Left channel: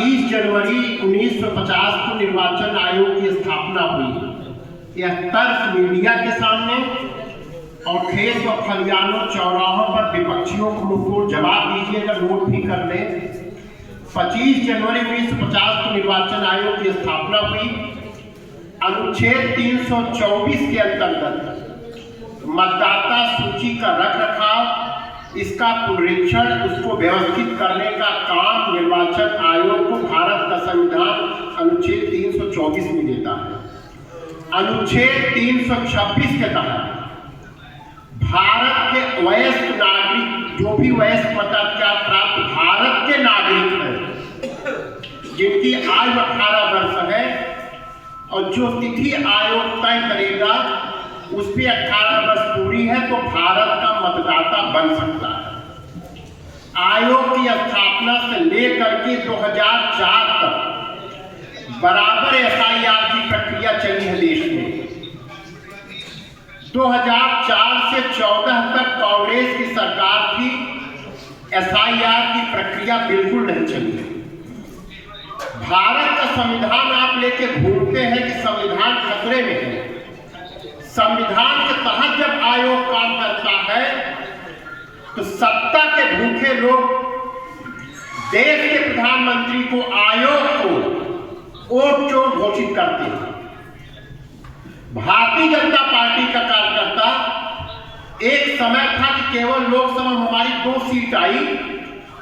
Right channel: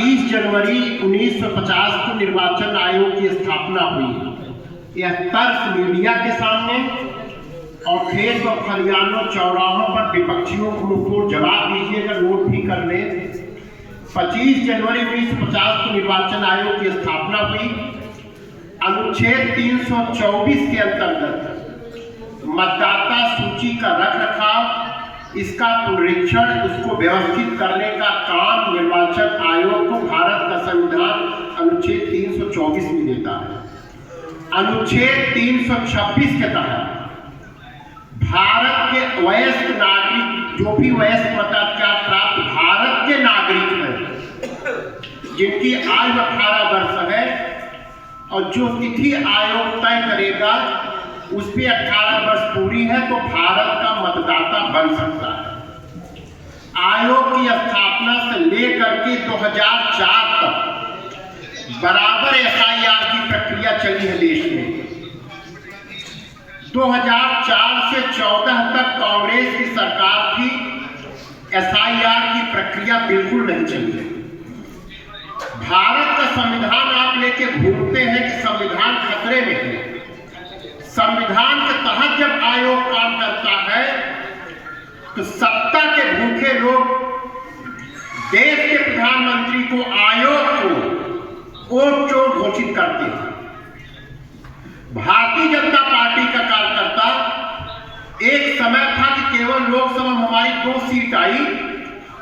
25 जनवरी 1950 को निर्वाचन आयोग की स्थापना हुई। यह तर्क मीडिया के सामने और खेत और खलिहानों चौराहों पर विपक्षियों को मुंहतोड़ जवाब दीजिएगा, नोट भी कर ले। 25 जनवरी 1950 को निर्वाचन आयोग की स्थापना हुई। अनुच्छेद 324 के अंतर्गत मतदाता सूची का रखरखाव, इसका पुनरीक्षण, उसको व्यवस्थित करने का काम निर्वाचन आयोग को भारत का संविधान अनुच्छेद 324 में देता है। अनुच्छेद 326 के तहत भारत के वयस्क नागरिक, जो भी वयस्क मताधिकार प्राप्त भारत के नागरिक हैं, जिनकी आयु 18 वर्ष है और जो तिथि आयोग तय करेगा उस पर 18 वर्ष पूरी है तो भारत का मतदाता बन सकता है। आयोग की स्थापना से लेकर के 2004 तक बराबर एसआईआर की प्रक्रिया चली है देश में। 2004 से 14 तक कांग्रेस की सरकार थी, एसआईआर की प्रक्रिया बिल्कुल नहीं चली। भारत का संविधान आप लेके घूमते हैं कि संविधान खतरे में है। संविधान के तहत जब आयोग काम करता है तो सत्ता के भूखे लोग देश के प्रधानमंत्री को, आयोग को वोट चोर घोषित करते हैं। भारतीय जनता पार्टी का कार्यकर्ता, एक समय था कि केवल लोकसभा में हमारी 2 सीट आई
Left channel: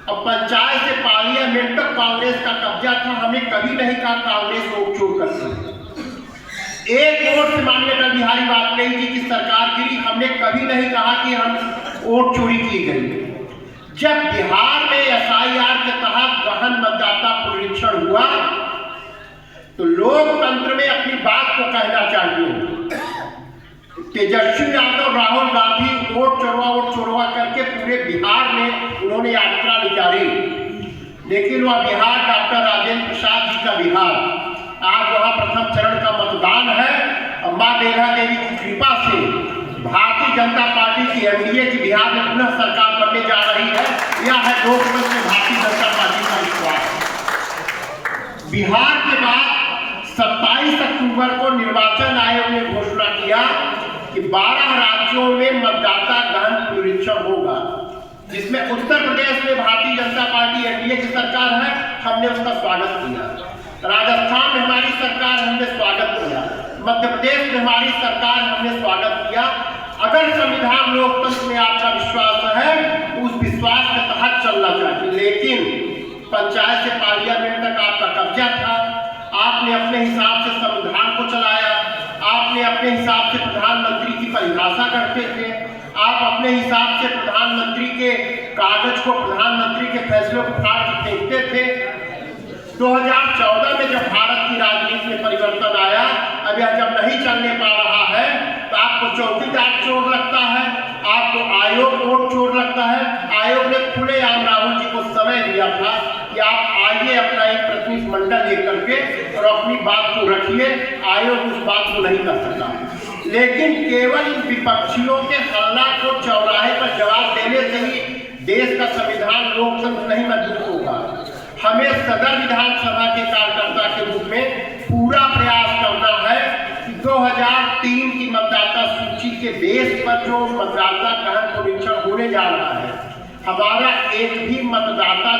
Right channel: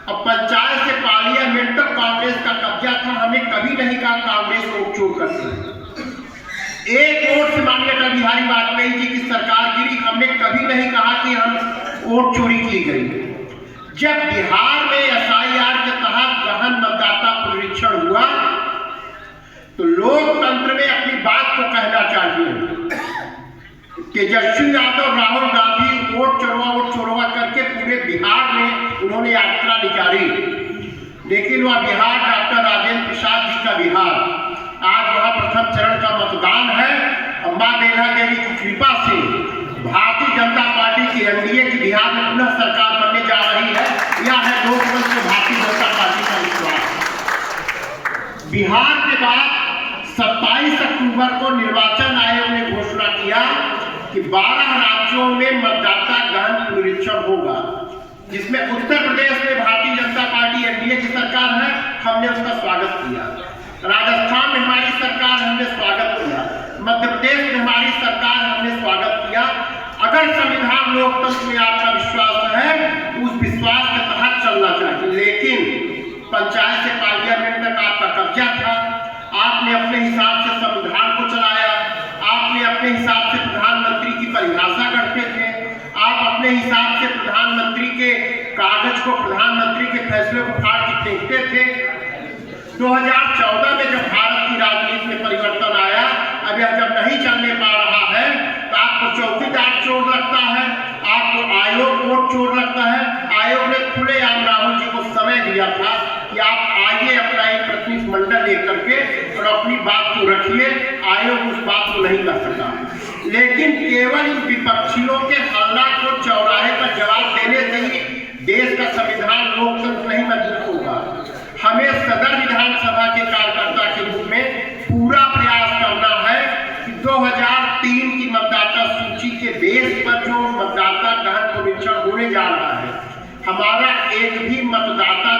और पंचायत से पार्लियामेंट तक कांग्रेस का कब्जा था। हमें कभी नहीं कहा कांग्रेस वोट चोर करती है। एक वोट से माननीय अटल बिहारी वाजपेयी जी की सरकार गिरी, हमने कभी नहीं कहा कि हम वोट चोरी की गई। जब बिहार में एसआईआर के तहत गहन मतदाता पुनरीक्षण हुआ तो लोकतंत्र में अपनी बात को कहना चाहिए। तेजस्वी यादव, राहुल गांधी वोट चोरवा करके पूरे बिहार में उन्होंने यात्रा निकाली, लेकिन वह बिहार डॉक्टर राजेंद्र प्रसाद जी का बिहार, आज वहां प्रथम चरण का मतदान है और मां बेला देवी की कृपा से भारतीय जनता पार्टी की एनडीए की बिहार में पुनः सरकार बनने जा रही है। यह है लोकतंत्र में भारतीय जनता पार्टी का विश्वास। बिहार के बाद 27 अक्टूबर को निर्वाचन आयोग ने घोषणा किया कि 12 राज्यों में मतदाता गहन पुनरीक्षण होगा, जिसमें उत्तर प्रदेश में भारतीय जनता पार्टी एनडीए की सरकार है, हमने उसका स्वागत किया। राजस्थान में हमारी सरकार, हमने स्वागत किया। मध्य प्रदेश में हमारी सरकार, हमने स्वागत किया। अगर संविधान लोकतंत्र में आपका विश्वास है तो उस विश्वास के तहत चलना चाहिए। लेकिन पंचायत से पार्लियामेंट तक आपका कब्जा था। आपने अपने हिसाब से संविधान को चलाया, आपने अपने हिसाब से प्रधानमंत्री की परिभाषा करते थे, आप अपने हिसाब से प्रधानमंत्री के कागज को, प्रधानमंत्री के फैसले को फाड़ के फेंकते थे। 2014 में जब भारत की राजनीति में परिवर्तन आया, अब यह जब नहीं चलने पा रहा है तो आपको चौकीदार चोर लगता है, आपको आयोग वोट चोर लगता है। आयोग ने खुलेआम राहुल जी को समय दिया था कि आप आइए अपना एक प्रतिनिधि मंडल लेकर के और अपनी बात को रखिए। आयोग उस बात को नहीं कर सका, लेकिन केवल इन विपक्षियों के हल्ला को चौराहे पर जवाब देने से ही देश का संविधान लोकतंत्र नहीं मजबूत होगा। हमें सदर विधानसभा के कार्यकर्ता के रूप में पूरा प्रयास करना है कि 2003 की मतदाता सूची के बेस पर जो मतदाता गहन पुनरीक्षण होने जा रहा है, हमारा एक भी मतदाता